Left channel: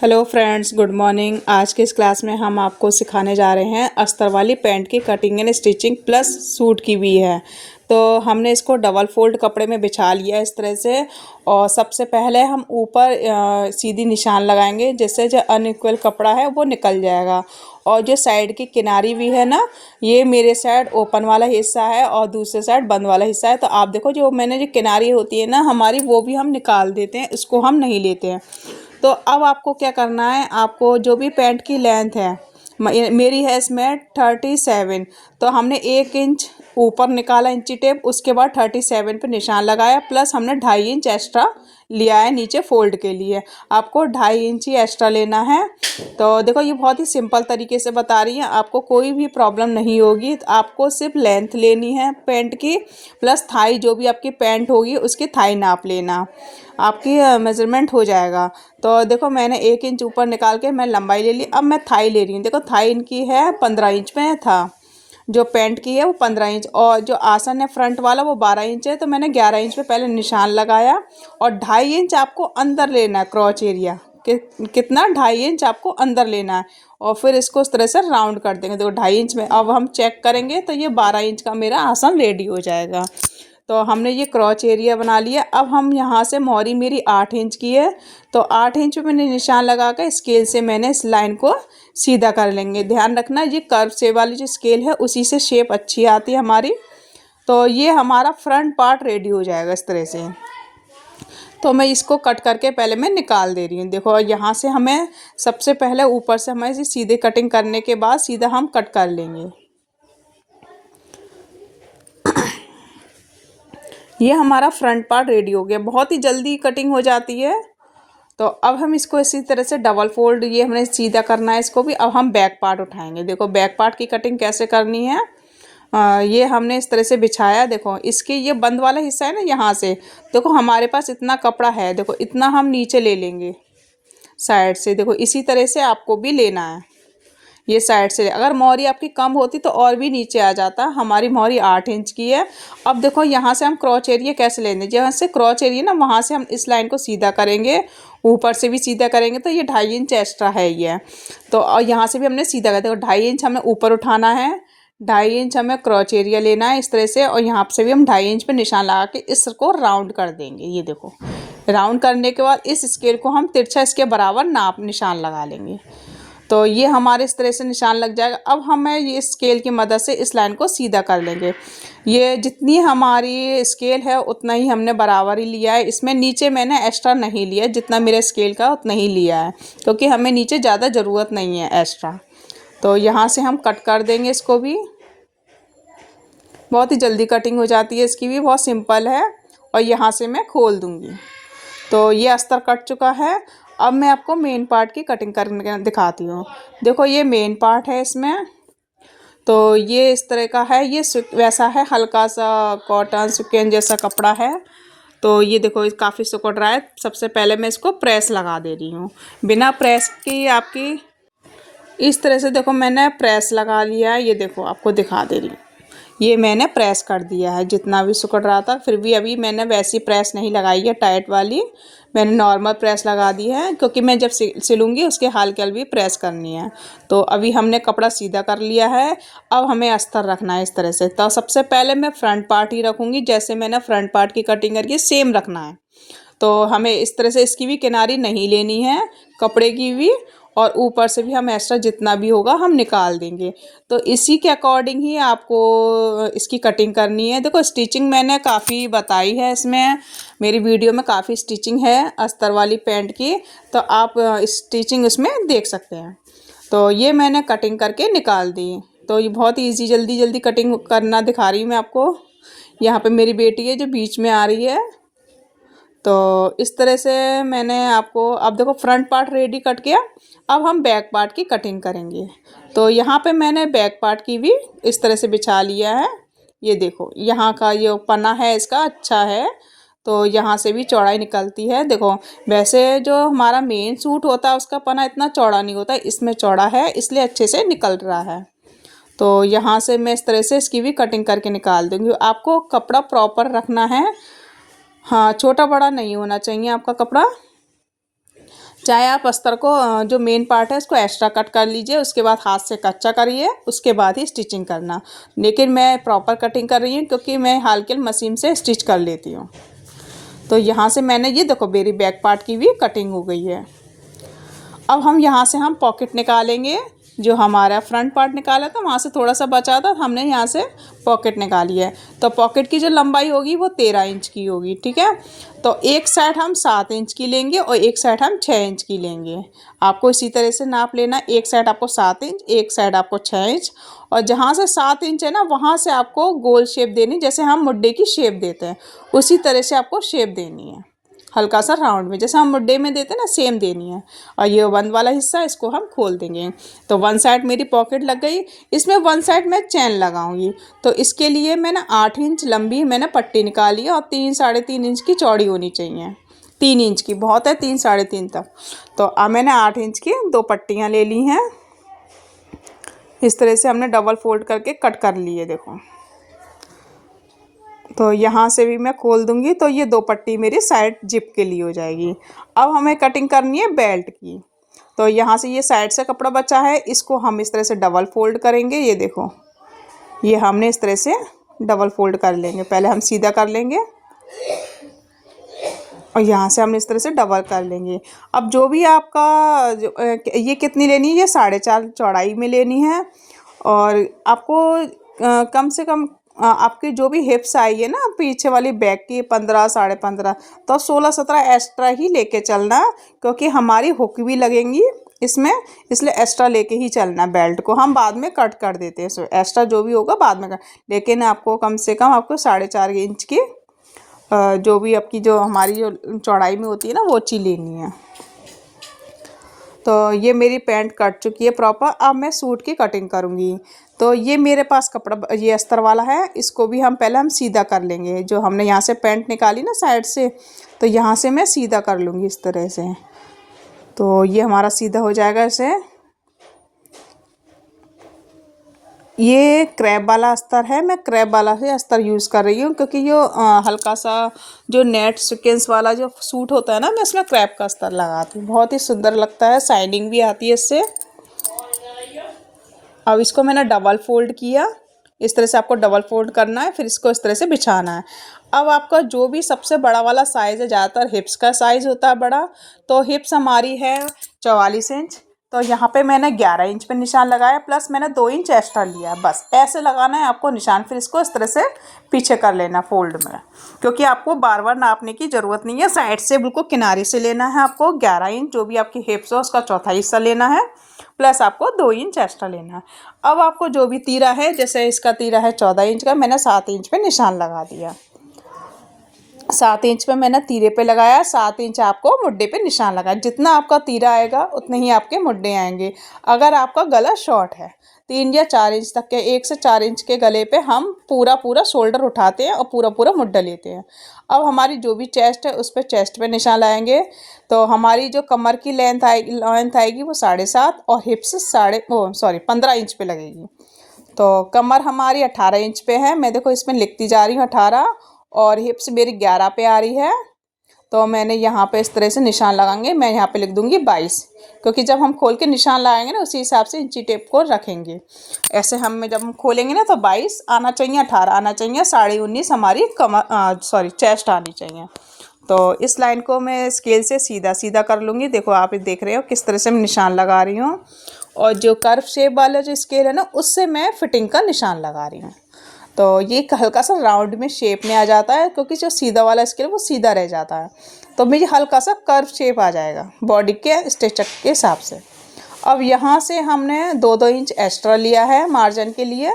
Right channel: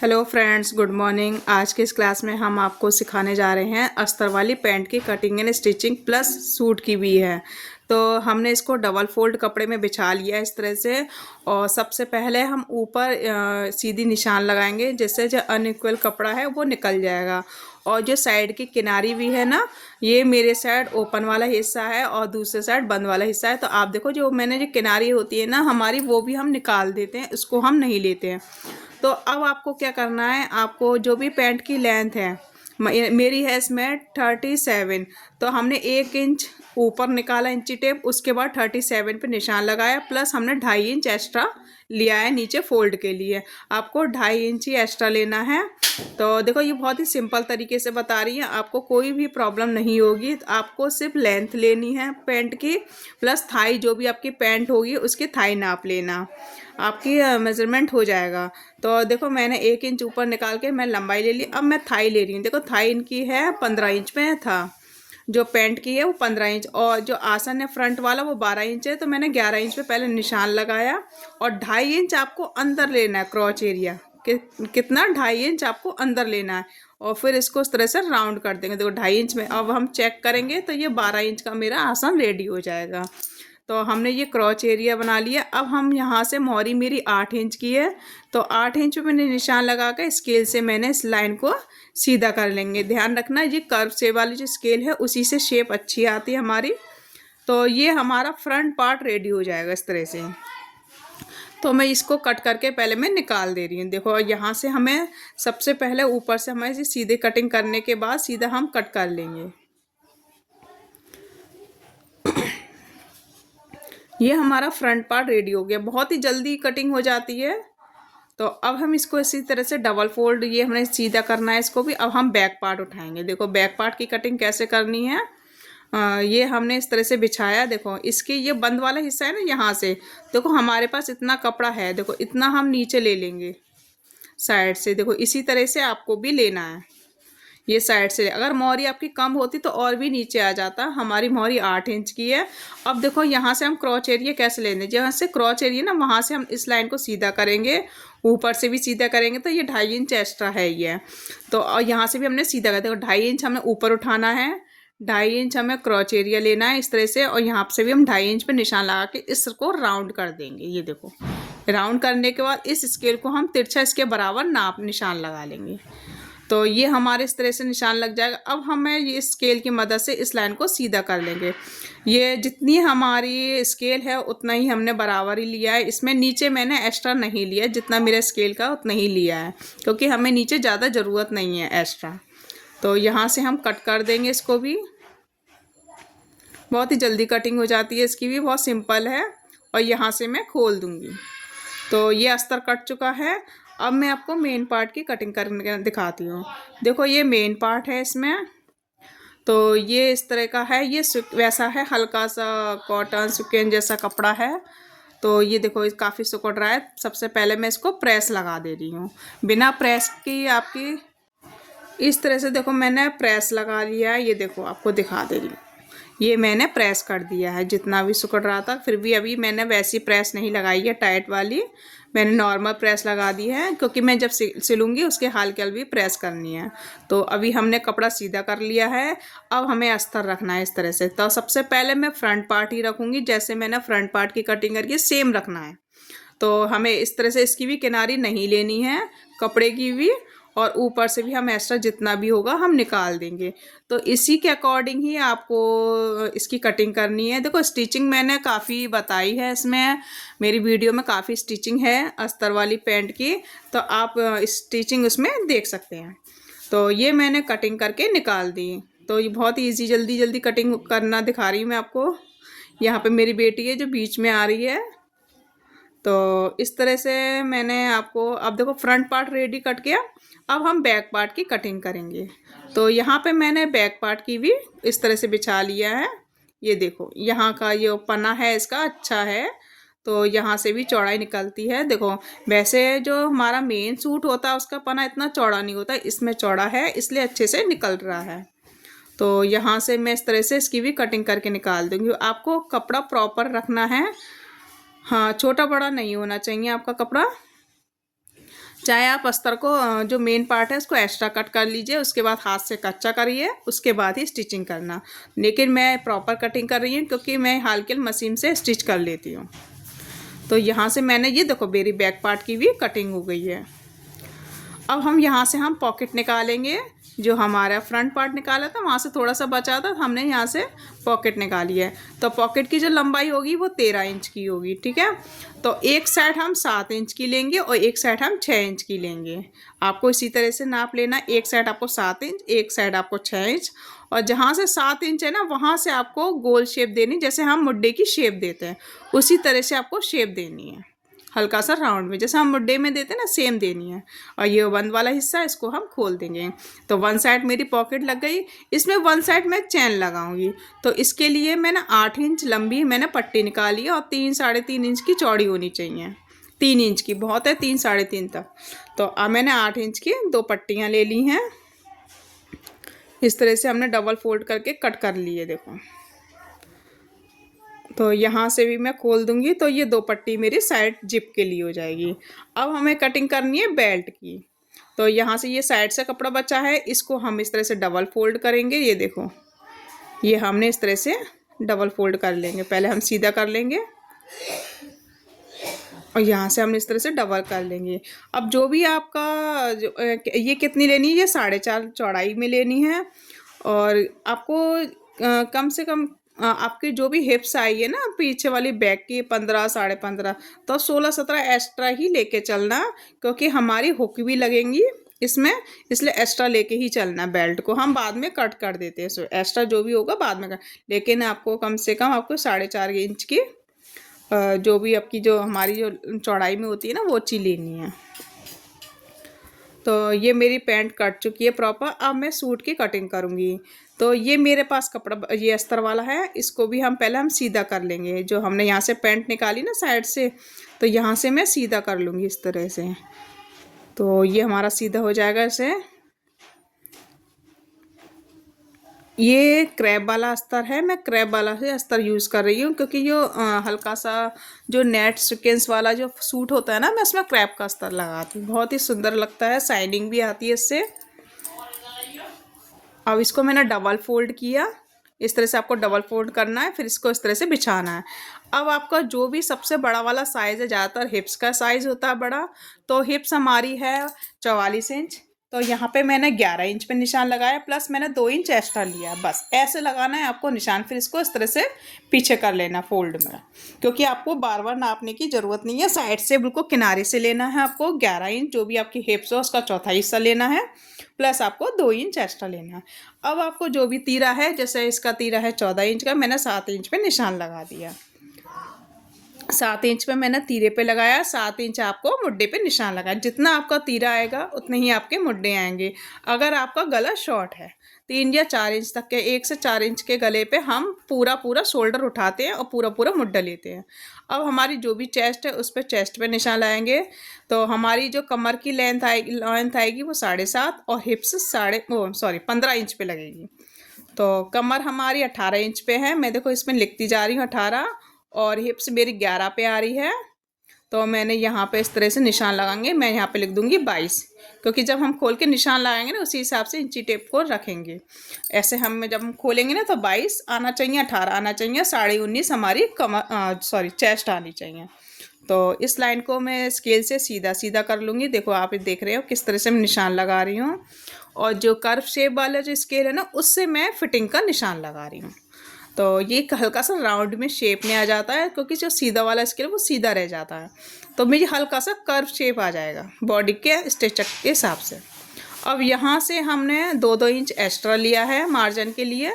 Hello friends, good morning. आज के इस क्लास में हम आपको सिखाने जा रहे हैं अस्तर वाली पैंट की cutting and stitching plus suit की भी है। तो हमने इसको डबल फोल्ड कपड़े में बिछा लिया इस तरह से। और सबसे पहले हम ऊपर सीधी निशान लगाएंगे, जिससे जो अनइक्वल कपड़ा है वो निकल जाएगा। और जो साइड की किनारी भी है ना, ये मेरे साइड ओपन वाला हिस्सा है और दूसरे साइड बंद वाला हिस्सा है। तो आप देखो, जो मैंने जो किनारी होती है ना हमारी, वो भी हम निकाल देते हैं, इसको हम नहीं लेते हैं। तो अब आपको क्या करना है, आपको जो भी पैंट की लेंथ है, मेरी है इसमें 37। तो हमने 1 इंच ऊपर निकाला इंची टेप, उसके बाद 37 पे निशान लगाया, प्लस हमने 2.5 इंच एक्स्ट्रा लिया है नीचे फोल्ड के लिए। आपको 2.5 इंच ही एक्स्ट्रा लेना है। तो देखो, ये बहुत ही सिंपल तरीके से बता रही हैं, आपको कोई भी प्रॉब्लम नहीं होगी। तो आपको सिर्फ लेंथ लेनी है पैंट की, प्लस थाई, जो भी आपकी पैंट होगी उसकी थाई नाप लेना, आपकी मेजरमेंट हो जाएगा। तो देखो, मैंने 1 इंच ऊपर निकाल के मैं लंबाई ले ली। अब मैं थाई ले रही हूँ। देखो, थाई इनकी है 15 इंच में था, जो पैंट की है वो 15 इंच, और जो आसन है फ्रंट वाला वो 12 इंच है। तो मैंने 11 इंच पे पहले निशान लगाया, और 2.5 इंच आपको अंदर लेना है क्रॉच एरिया कि कितना, 2.5 इंच आपको अंदर लेना है। और फिर इसको इस तरह से राउंड कर देंगे। देखो, 2.5 इंच में अब हम चेक करेंगे तो ये 12 इंच का मेरा आसन रेडी हो जाएगा। तो हमने ये क्रॉच एरिया बना लिया। अब हम यहाँ से, मोहरी मेरी 8 इंच की है, तो 8 इंच पे मैंने निशान लगा कर स्केल से मैंने इस लाइन को सीधा कर लेंगे। ध्यान रखना, ये कर्व शेप वाली जो स्केल है उसी से शेप अच्छी आती है हमारी। तो ये हमारा फ्रंट पार्ट रेडी हो जाएगा इस तरह से। तो मैं इसको कट करके पहले मैं निकाल दे रही हूँ। देखो, यहाँ से हमें सबसे पहले ऊपर से हमें इसे सीधे कटिंग करने के बाद सीधा हम कट कर लेंगे। ये हमारा फ्रंट पार्ट रेडी हो गया, बहुत ही जल्दी कटिंग हो जाती है। तो अब हम इसको इसी तरह से डबल फोल्ड, ये हमने सीधा करना है इसको भी। अब हम बैक पार्ट उठाएंगे। देखो, बैक पार्ट की कटिंग कैसे करनी है। ये हमने इस तरह से बिछाया। देखो, इसके ये बंद वाला हिस्सा है ना, यहाँ से देखो हमारे पास इतना कपड़ा है। देखो, इतना हम नीचे ले लेंगे साइड से। देखो, इसी तरह से आपको भी लेना है। ये साइड से, अगर मोहरी आपकी कम होती तो और भी नीचे आ जाता। हमारी मोहरी 8 इंच की है। अब देखो, यहाँ से हम क्रॉच एरिया कैसे लेंगे, जहाँ से क्रॉच एरिया ना, वहाँ से हम इस लाइन को सीधा करेंगे, ऊपर से भी सीधा करेंगे। तो ये 2.5 इंच एक्स्ट्रा है ये। तो और यहाँ से भी हमने सीधा कर, देखो 2.5 इंच हमें ऊपर उठाना है, 2.5 इंच हमें क्रॉच एरिया लेना है इस तरह से। और यहाँ से भी हम 2.5 इंच पे निशान लगा के इसको राउंड कर देंगे। ये देखो, राउंड करने के बाद इस स्केल को हम तिरछा इसके बराबर नाप निशान लगा लेंगे। तो ये हमारे इस तरह से निशान लग जाएगा। अब हमें ये स्केल की मदद से इस लाइन को सीधा कर लेंगे। ये जितनी हमारी स्केल है उतना ही हमने बराबर ही लिया है। इसमें नीचे मैंने एक्स्ट्रा नहीं लिया, जितना मेरे स्केल का उतना ही लिया है, क्योंकि हमें नीचे ज़्यादा ज़रूरत नहीं है एक्स्ट्रा। तो यहाँ से हम कट कर देंगे इसको भी। बहुत ही जल्दी कटिंग हो जाती है इसकी भी, बहुत सिंपल है। और यहाँ से मैं खोल दूँगी। तो ये अस्तर कट चुका है। अब मैं आपको मेन पार्ट की कटिंग करके दिखाती हूँ। देखो, ये मेन पार्ट है इसमें। तो ये इस तरह का है, ये वैसा है, हल्का सा कॉटन सुकेन जैसा कपड़ा है। तो ये देखो, काफ़ी सुकड़ रहा है। सबसे पहले मैं इसको प्रेस लगा दे रही हूँ, बिना प्रेस की आपकी। इस तरह से देखो, मैंने प्रेस लगा लिया है। ये देखो, आपको दिखा दे रही हूँ, ये मैंने प्रेस कर दिया है जितना भी सिकुड़ रहा था। फिर भी अभी मैंने वैसी प्रेस नहीं लगाई है टाइट वाली, मैंने नॉर्मल प्रेस लगा दी है, क्योंकि मैं जब सिलूँगी उसके हाल के हाल भी प्रेस करनी है। तो अभी हमने कपड़ा सीधा कर लिया है। अब हमें अस्तर रखना है इस तरह से। तो सबसे पहले मैं फ्रंट पार्ट ही रखूँगी, जैसे मैंने फ्रंट पार्ट की कटिंग करके सेम रखना है। तो हमें इस तरह से इसकी भी किनारी नहीं लेनी है, कपड़े की भी, और ऊपर से भी हम एक्स्ट्रा जितना भी होगा हम निकाल देंगे। तो इसी के अकॉर्डिंग ही आपको इसकी कटिंग करनी है। देखो, स्टिचिंग मैंने काफ़ी बताई है इसमें, मेरी वीडियो में काफ़ी स्टिचिंग है अस्तर वाली पैंट की, तो आप स्टिचिंग उसमें देख सकते हैं। तो ये मैंने कटिंग करके निकाल दी। तो ये बहुत ईजी, जल्दी जल्दी कटिंग करना दिखा रही हूँ मैं आपको। यहाँ पे मेरी बेटी है जो बीच में आ रही है। तो इस तरह से मैंने आपको, अब देखो फ्रंट पार्ट रेडी कट किया। अब हम बैक पार्ट की कटिंग करेंगे। तो यहाँ पे मैंने बैक पार्ट की भी इस तरह से बिछा लिया है। ये देखो, यहाँ का ये पन्ना है इसका अच्छा है, तो यहाँ से भी चौड़ाई निकलती है। देखो, वैसे जो हमारा मेन सूट होता है उसका पन्ना इतना चौड़ा नहीं होता, इसमें चौड़ा है इसलिए अच्छे से निकल रहा है। तो यहाँ से मैं इस तरह से इसकी भी कटिंग करके निकाल दूँगी। आपको कपड़ा प्रॉपर रखना है, हाँ, छोटा बड़ा नहीं होना चाहिए आपका कपड़ा। चाहे आप अस्तर को जो मेन पार्ट है उसको एक्स्ट्रा कट कर लीजिए, उसके बाद हाथ से कच्चा करिए, उसके बाद ही स्टिचिंग करना। लेकिन मैं प्रॉपर कटिंग कर रही हूँ क्योंकि मैं हाल मशीन से स्टिच कर लेती हूँ। तो यहाँ से मैंने ये देखो मेरी बैक पार्ट की भी कटिंग हो गई है। अब हम यहाँ से हम पॉकेट निकालेंगे। जो हमारा फ्रंट पार्ट निकाला था वहाँ से थोड़ा सा बचा था, हमने यहाँ से पॉकेट निकाली है। तो पॉकेट की जो लंबाई होगी वो 13 इंच की होगी, ठीक है। तो एक साइड हम 7 इंच की लेंगे और एक साइड हम 6 इंच की लेंगे। आपको इसी तरह से नाप लेना, एक साइड आपको 7 इंच, एक साइड आपको 6 इंच। और जहाँ से 7 इंच है ना वहाँ से आपको गोल शेप देनी, जैसे हम मुड्डे की शेप देते हैं उसी तरह से आपको शेप देनी है, हल्का सा राउंड में जैसे हम मुड्डे में देते हैं ना सेम देनी है। और ये बंद वाला हिस्सा इसको हम खोल देंगे। तो वन साइड मेरी पॉकेट लग गई, इसमें वन साइड मैं चैन लगाऊंगी। तो इसके लिए मैंने 8 इंच लंबी मैंने पट्टी निकाली है और 3 साढ़े 3 इंच की चौड़ी होनी चाहिए। 3 इंच की बहुत है, 3 साढ़े 3 तक। तो अब मैंने 8 इंच की 2 पट्टियाँ ले ली हैं। इस तरह से हमने डबल फोल्ड करके कट कर लिए, देखो। तो यहाँ से भी मैं खोल दूंगी तो ये 2 पट्टी मेरी साइड जिप के लिए हो जाएगी। अब हमें कटिंग करनी है बेल्ट की। तो यहाँ से ये साइड से कपड़ा बचा है, इसको हम इस तरह से डबल फोल्ड करेंगे। ये देखो, ये हमने इस तरह से डबल फोल्ड कर लेंगे। पहले हम सीधा कर लेंगे और यहाँ से हम इस तरह से डबल कर लेंगे। अब जो भी आपका ये कितनी लेनी है, ये 4.5 चौड़ाई में लेनी है। और आपको कम से कम आपके जो भी हिप्स आई है ना पीछे वाली बैक की 15 साढ़े 15, तो 16-17 एक्स्ट्रा ही लेके चलना, क्योंकि हमारी हुक भी लगेंगी इसमें, इसलिए एक्स्ट्रा लेके ही चलना। बेल्ट को हम बाद में कट कर देते हैं, सो एक्स्ट्रा जो भी होगा बाद में कर, लेकिन आपको कम से कम आपको 4.5 इंच की जो भी आपकी जो हमारी जो चौड़ाई में होती है ना वो चीज़ लेनी है। तो ये मेरी पैंट कट चुकी है प्रॉपर। अब मैं सूट की कटिंग करूँगी। तो ये मेरे पास कपड़ा ये अस्तर वाला है, इसको भी हम पहले हम सीधा कर लेंगे। जो हमने यहाँ से पैंट निकाली ना साइड से, तो यहाँ से मैं सीधा कर लूँगी इस तरह से। तो ये हमारा सीधा हो जाएगा ऐसे। ये क्रैब वाला अस्तर है, मैं क्रैब वाला ही अस्तर यूज़ कर रही हूँ क्योंकि जो हल्का सा जो नेट सीक्वेंस वाला जो सूट होता है ना, मैं उसमें क्रैब का अस्तर लगाती हूँ, बहुत ही सुंदर लगता है, शाइनिंग भी आती है इससे। अब इसको मैंने डबल फोल्ड किया, इस तरह से आपको डबल फोल्ड करना है, फिर इसको इस तरह से बिछाना है। अब आपका जो भी सबसे बड़ा वाला साइज़ है, ज़्यादातर हिप्स का साइज़ होता है बड़ा, तो हिप्स हमारी है 44 इंच। तो यहाँ पे मैंने 11 इंच पे निशान लगाया, प्लस मैंने 2 इंच एक्स्ट्रा लिया। बस ऐसे लगाना है आपको निशान, फिर इसको इस तरह से पीछे कर लेना फोल्ड में, क्योंकि आपको बार बार नापने की ज़रूरत नहीं है। साइड से बिल्कुल किनारे से लेना है आपको 11 इंच, जो भी आपकी हिप्स हो उसका चौथा हिस्सा लेना है, प्लस आपको 2 इंच एक्स्ट्रा लेना है। अब आपको जो भी तीरा है, जैसे इसका तीरा है 14 इंच का, मैंने 7 इंच पे निशान लगा दिया। 7 इंच पे मैंने तीरे पे लगाया, 7 इंच आपको मुड्डे पे निशान लगाया। जितना आपका तीरा आएगा उतने ही आपके मुड्डे आएंगे। अगर आपका गला शॉर्ट है 3 या 4 इंच तक के, 1 से 4 इंच के गले पे हम पूरा शोल्डर उठाते हैं और पूरा मुड्डा लेते हैं। अब हमारी जो भी चेस्ट है उस पर चेस्ट पे निशान लगाएंगे। तो हमारी जो कमर की लेंथ आएगी वो 7.5 और हिप्स 15 इंच पे लगेगी। तो कमर हमारी 18 इंच पे है, मैं देखो इसमें लिखती जा रही हूँ 18, और हिप्स मेरी 11 पे आ रही है। तो मैंने यहाँ पे इस तरह से निशान लगाएंगे, मैं यहाँ पे लिख दूँगी 22, क्योंकि जब हम खोल के निशान लगाएंगे ना उसी हिसाब से इंची टेप को रखेंगे। ऐसे जब हम खोलेंगे ना तो 22 आना चाहिए, 18 आना चाहिए, 19.5 हमारी चेस्ट आनी चाहिए। तो इस लाइन को मैं स्केल से सीधा सीधा कर लूँगी। देखो आप देख रहे हो किस तरह से मैं निशान लगा रही हूँ, और जो कर्व शेप वाला जो स्केल है ना उससे मैं फिटिंग का निशान लगा रही हूँ। तो ये हल्का सा राउंड में शेप में आ जाता है, क्योंकि जो सीधा वाला स्केल है वो सीधा रह जाता है, तो मुझे हल्का सा कर्व शेप आ जाएगा बॉडी के स्ट्रेचर के हिसाब से। अब यहाँ से हमने 2-2 इंच एक्स्ट्रा लिया है मार्जिन के लिए।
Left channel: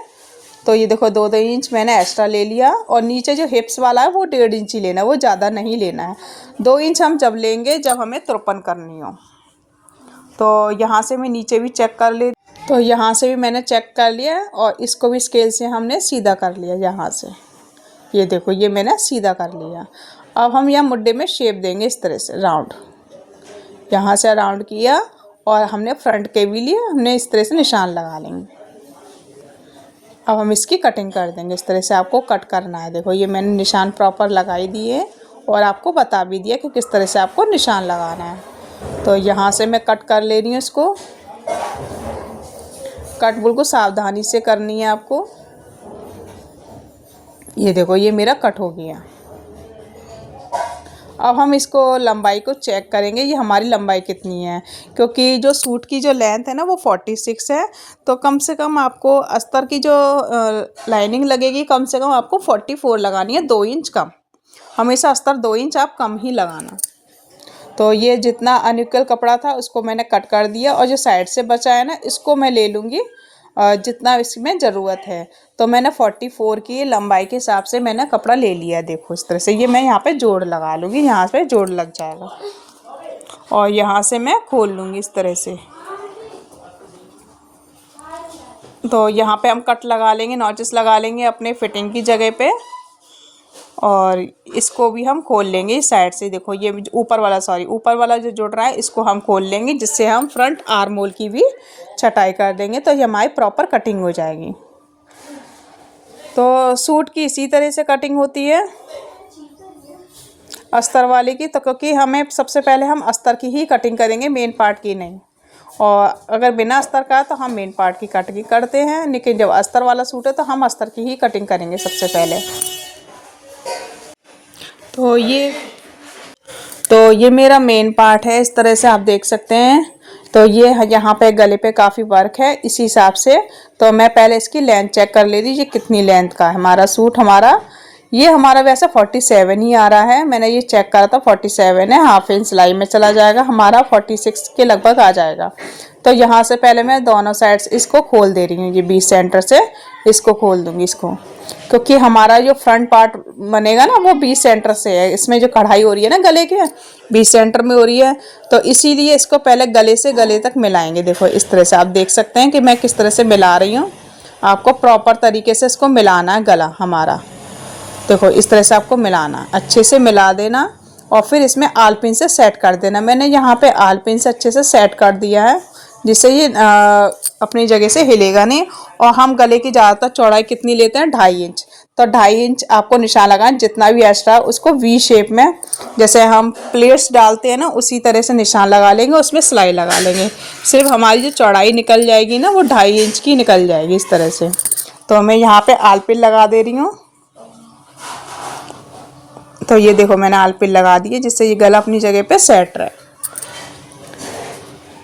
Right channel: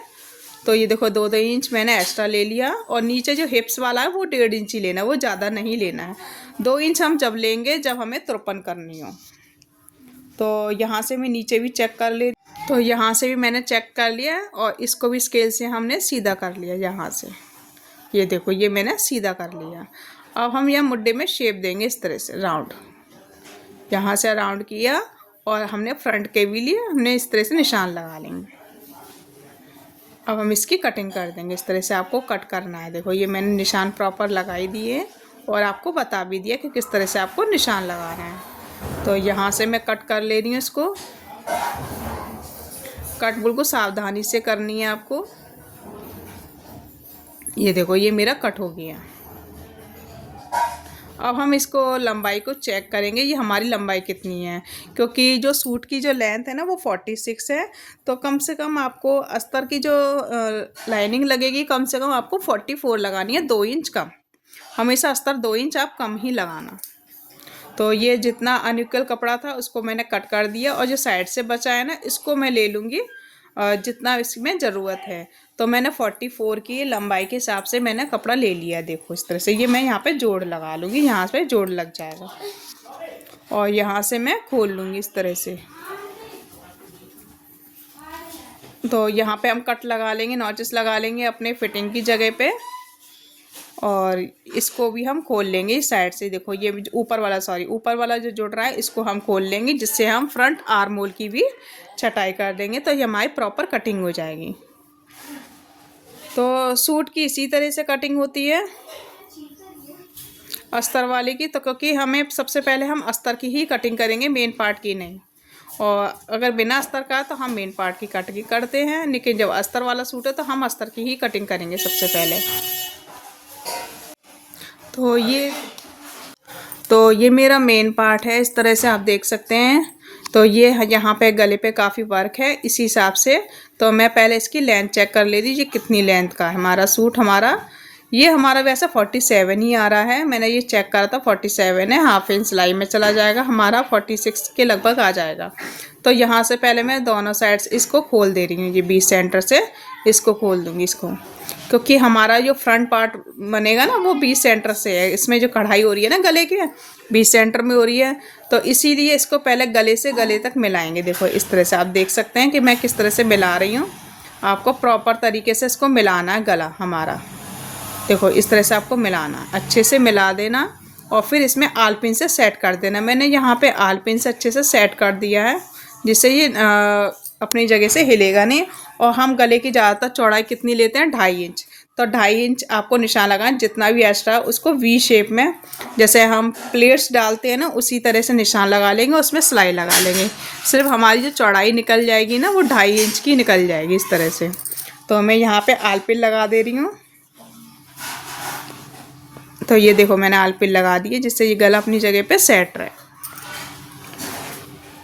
तो ये देखो 2-2 इंच मैंने एक्स्ट्रा ले लिया, और नीचे जो हिप्स वाला है वो 1.5 इंच ही लेना है, वो ज़्यादा नहीं लेना है। 2 इंच हम जब लेंगे जब हमें तुरपन करनी हो। तो यहाँ से मैं नीचे भी चेक कर ले, तो यहाँ से भी मैंने चेक कर लिया, और इसको भी स्केल से हमने सीधा कर लिया यहाँ से। ये देखो ये मैंने सीधा कर लिया। अब हम यहाँ मुड्डे में शेप देंगे इस तरह से राउंड, यहाँ से राउंड किया, और हमने फ्रंट के भी लिए हमने इस तरह से निशान लगा लेंगे। अब हम इसकी कटिंग कर देंगे, इस तरह से आपको कट करना है। देखो ये मैंने निशान प्रॉपर लगाई दिए और आपको बता भी दिया कि किस तरह से आपको निशान लगाना है। तो यहाँ से मैं कट कर ले रही हूँ इसको। कट बिल्कुल सावधानी से करनी है आपको। ये देखो ये मेरा कट हो गया। अब हम इसको लंबाई को चेक करेंगे, ये हमारी लंबाई कितनी है, क्योंकि जो सूट की जो लेंथ है ना वो 46 है। तो कम से कम आपको अस्तर की जो लाइनिंग लगेगी कम से कम आपको 44 लगानी है, 2 इंच कम। हमेशा अस्तर 2 इंच आप कम ही लगाना। तो ये जितना अनइक्वल कपड़ा था उसको मैंने कट कर दिया, और जो साइड से बचा है ना इसको मैं ले लूँगी जितना इसमें ज़रूरत है। तो मैंने 44 की लंबाई के हिसाब से मैंने कपड़ा ले लिया है। देखो इस तरह से ये मैं यहाँ पे जोड़ लगा लूँगी, यहाँ पे जोड़ लग जाएगा, और यहाँ से मैं खोल लूँगी इस तरह से। तो यहाँ पे हम कट लगा लेंगे, नॉचेस लगा लेंगे अपने फिटिंग की जगह पे, और इसको भी हम खोल लेंगे इस साइड से। देखो ये ऊपर वाला जो जुड़ रहा है इसको हम खोल लेंगे, जिससे हम फ्रंट आर्म होल की भी छटाई कर देंगे, तो ये हमारी प्रॉपर कटिंग हो जाएगी। तो सूट की इसी तरह से कटिंग होती है अस्तर वाले की। तो क्योंकि हमें सबसे पहले हम अस्तर की ही कटिंग करेंगे, मेन पार्ट की नहीं। और अगर बिना अस्तर का है तो हम मेन पार्ट की कटिंग करते हैं, लेकिन जब अस्तर वाला सूट है तो हम अस्तर की ही कटिंग करेंगे सबसे पहले। तो ये मेरा मेन पार्ट है, इस तरह से आप देख सकते हैं। तो ये यहाँ पे गले पे काफ़ी वर्क है, इसी हिसाब से तो मैं पहले इसकी लेंथ चेक कर ले रही, ये कितनी लेंथ का है हमारा सूट। ये हमारा वैसे 47 ही आ रहा है, मैंने ये चेक करा था 47 है। हाफ इंच सिलाई में चला जाएगा, हमारा 46 के लगभग आ जाएगा। तो यहाँ से पहले मैं दोनों साइड्स इसको खोल दे रही हूँ, ये बीच सेंटर से इसको खोल दूँगी इसको, क्योंकि हमारा जो फ्रंट पार्ट बनेगा ना वो बीच सेंटर से है। इसमें जो कढ़ाई हो रही है ना गले के बीच सेंटर में हो रही है, तो इसीलिए इसको पहले गले से गले तक मिलाएंगे। देखो इस तरह से आप देख सकते हैं कि मैं किस तरह से मिला रही हूँ। आपको प्रॉपर तरीके से इसको मिलाना है गला हमारा। देखो इस तरह से आपको मिलाना, अच्छे से मिला देना, और फिर इसमें आलपिन से सेट कर देना। मैंने यहाँ पे आलपिन से अच्छे से सेट कर दिया है, जिससे ये अपनी जगह से हिलेगा नहीं। और हम गले की ज़्यादातर चौड़ाई कितनी लेते हैं, 2.5 इंच। तो 2.5 इंच आपको निशान लगाएं, जितना भी एक्स्ट्रा उसको वी शेप में, जैसे हम प्लेट्स डालते हैं ना उसी तरह से निशान लगा लेंगे, उसमें सिलाई लगा लेंगे। सिर्फ हमारी जो चौड़ाई निकल जाएगी ना वो 2.5 इंच की निकल जाएगी इस तरह से। तो मैं यहाँ पे आलपिन लगा दे रही हूँ। तो ये देखो मैंने आलपिन लगा दी है, जिससे ये गला अपनी जगह पे सेट रहे।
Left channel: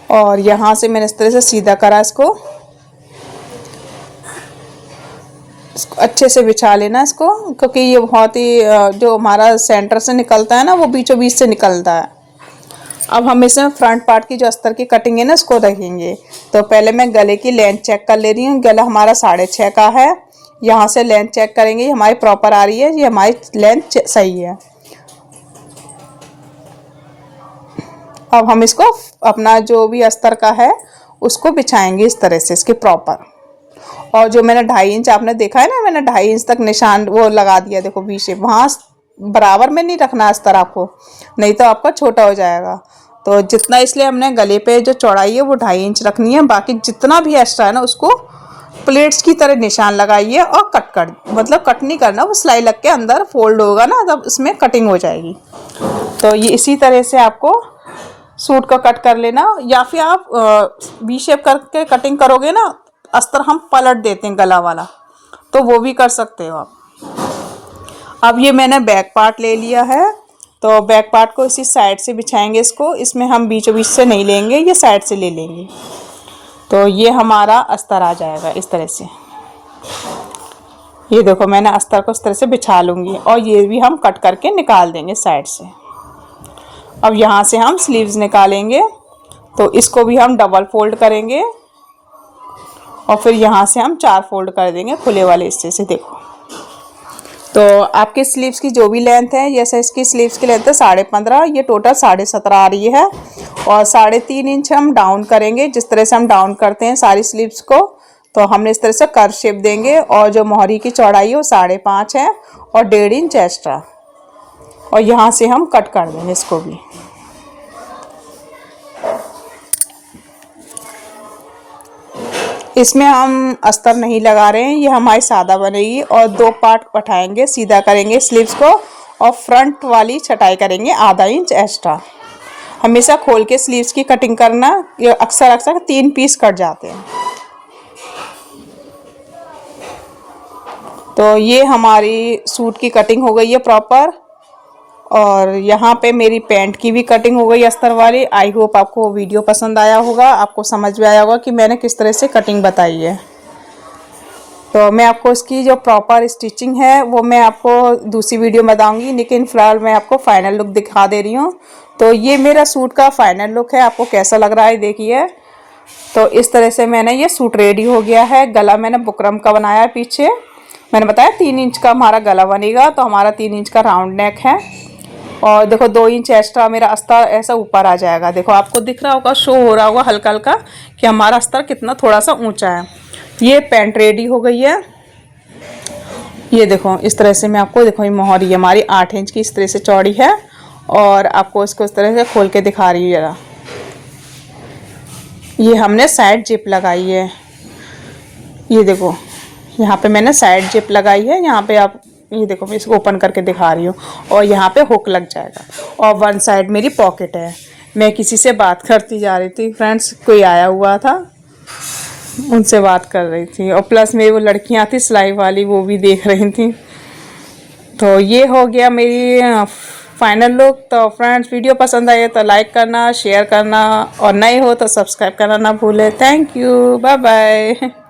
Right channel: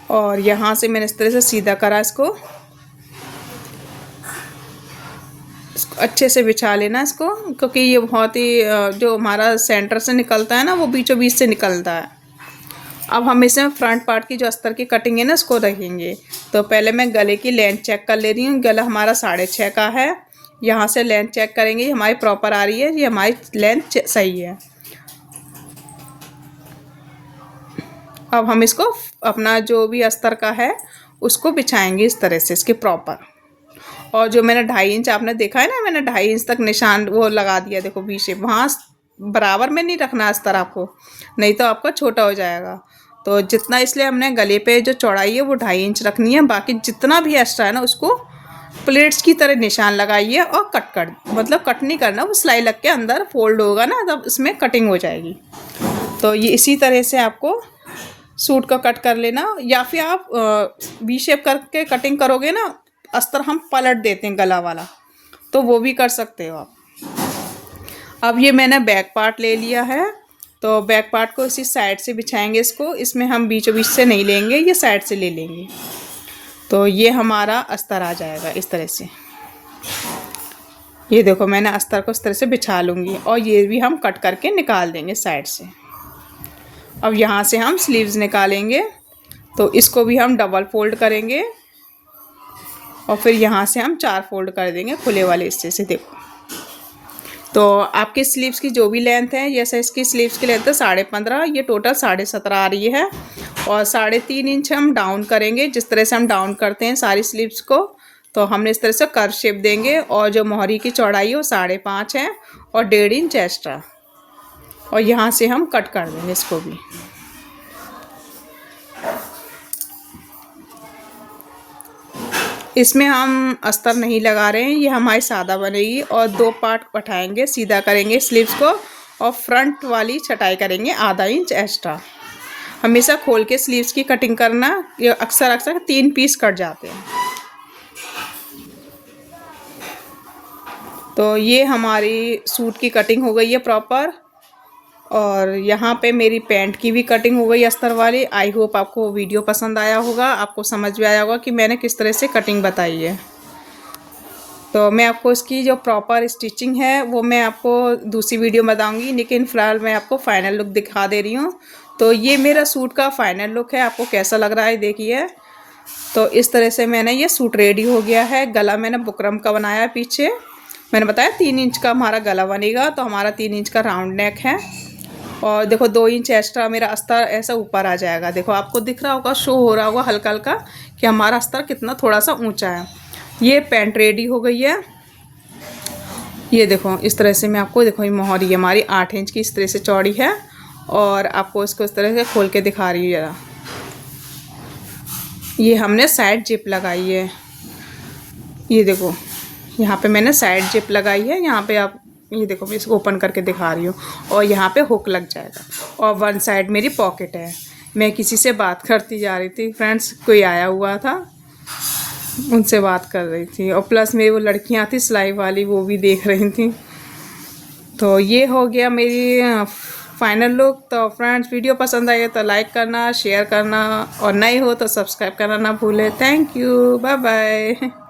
और यहाँ से मैंने इस तरह से सीधा करा इसको अच्छे से बिछा लेना इसको, क्योंकि ये बहुत ही जो हमारा सेंटर से निकलता है ना वो बीचों बीच से निकलता है। अब हम इसमें फ्रंट पार्ट की जो अस्तर की कटिंग है ना उसको रखेंगे। तो पहले मैं गले की लेंथ चेक कर ले रही हूँ। गला हमारा 6.5 का है, यहाँ से लेंथ चेक करेंगे, हमारी प्रॉपर आ रही है, ये हमारी लेंथ सही है। अब हम इसको अपना जो भी अस्तर का है उसको बिछाएंगे इस तरह से इसके प्रॉपर। और जो मैंने 2.5 इंच आपने देखा है ना, मैंने 2.5 इंच तक निशान वो लगा दिया। देखो वी शेप, वहाँ बराबर में नहीं रखना अस्तर आपको, नहीं तो आपका छोटा हो जाएगा। तो जितना, इसलिए हमने गले पे जो चौड़ाई है वो 2.5 इंच रखनी है। बाकी जितना भी एक्स्ट्रा है ना उसको प्लेट्स की तरह निशान लगाइए, और मतलब कट नहीं करना, वो सिलाई लग के अंदर फोल्ड होगा ना तब इसमें कटिंग हो जाएगी। तो ये इसी तरह से आपको सूट का कट कर लेना, या फिर आप वी शेप करके कटिंग करोगे ना, अस्तर हम पलट देते हैं गला वाला, तो वो भी कर सकते हो आप। अब ये मैंने बैक पार्ट ले लिया है, तो बैक पार्ट को इसी साइड से बिछाएंगे इसको, इसमें हम बीचों बीच से नहीं लेंगे, ये साइड से ले लेंगे। तो ये हमारा अस्तर आ जाएगा इस तरह से। ये देखो मैंने अस्तर को इस तरह से बिछा लूँगी, और ये भी हम कट करके निकाल देंगे साइड से। अब यहाँ से हम स्लीव्स निकालेंगे, तो इसको भी हम डबल फोल्ड करेंगे, और फिर यहाँ से हम 4 फोल्ड कर देंगे खुले वाले हिस्से से। देखो तो आपकी स्लीव्स की जो भी लेंथ है, जैसे इसकी स्लीव्स की लेंथ है 15.5, ये टोटल 17.5 आ रही है। और 3.5 इंच हम डाउन करेंगे, जिस तरह से हम डाउन करते हैं सारी स्लीव्स को। तो हमने इस तरह से कर्व शेप देंगे, और जो मोहरी की चौड़ाई है वो 5.5 है, और 1.5 इंच एक्स्ट्रा। और यहाँ से हम कट कर देंगे इसको भी। इसमें हम अस्तर नहीं लगा रहे हैं, ये हमारी सादा बनेगी। और 2 पार्ट उठाएंगे, सीधा करेंगे स्लीव्स को, और फ्रंट वाली छटाई करेंगे 0.5 इंच एक्स्ट्रा। हमेशा खोल के स्लीव्स की कटिंग करना, ये अक्सर अक्सर 3 पीस कट जाते हैं। तो ये हमारी सूट की कटिंग हो गई है प्रॉपर, और यहाँ पे मेरी पैंट की भी कटिंग हो गई अस्तर वाली। आई होप आपको वीडियो पसंद आया होगा, आपको समझ में आया होगा कि मैंने किस तरह से कटिंग बताई है। तो मैं आपको इसकी जो प्रॉपर स्टिचिंग है वो मैं आपको दूसरी वीडियो में बताऊंगी, लेकिन फ़िलहाल मैं आपको फाइनल लुक दिखा दे रही हूँ। तो ये मेरा सूट का फाइनल लुक है, आपको कैसा लग रहा है देखिए। तो इस तरह से मैंने ये सूट रेडी हो गया है। गला मैंने बुकरम का बनाया है, पीछे मैंने बताया 3 इंच का हमारा गला बनेगा, तो हमारा 3 इंच का राउंड नेक है। और देखो 2 इंच एक्स्ट्रा मेरा अस्तर ऐसा ऊपर आ जाएगा। देखो आपको दिख रहा होगा, शो हो रहा होगा हल्का हल्का कि हमारा अस्तर कितना थोड़ा सा ऊंचा है। ये पैंट रेडी हो गई है। ये देखो इस तरह से मैं आपको, देखो ये मोहरी हमारी 8 इंच की इस तरह से चौड़ी है, और आपको इसको इस तरह से खोल के दिखा रही हूँ जरा। ये हमने साइड जिप लगाई है, ये देखो यहाँ पे मैंने साइड जिप लगाई है। यहाँ पे आप ये देखो, मैं इसको ओपन करके दिखा रही हूँ, और यहाँ पे हुक लग जाएगा। और वन साइड मेरी पॉकेट है। मैं किसी से बात करती जा रही थी फ्रेंड्स, कोई आया हुआ था, उनसे बात कर रही थी, और प्लस मेरी वो लड़कियाँ थी सिलाई वाली, वो भी देख रही थी। तो ये हो गया मेरी फाइनल लुक। तो फ्रेंड्स वीडियो पसंद आए तो लाइक करना, शेयर करना, और नए हो तो सब्सक्राइब करना ना भूले। Thank you, bye bye.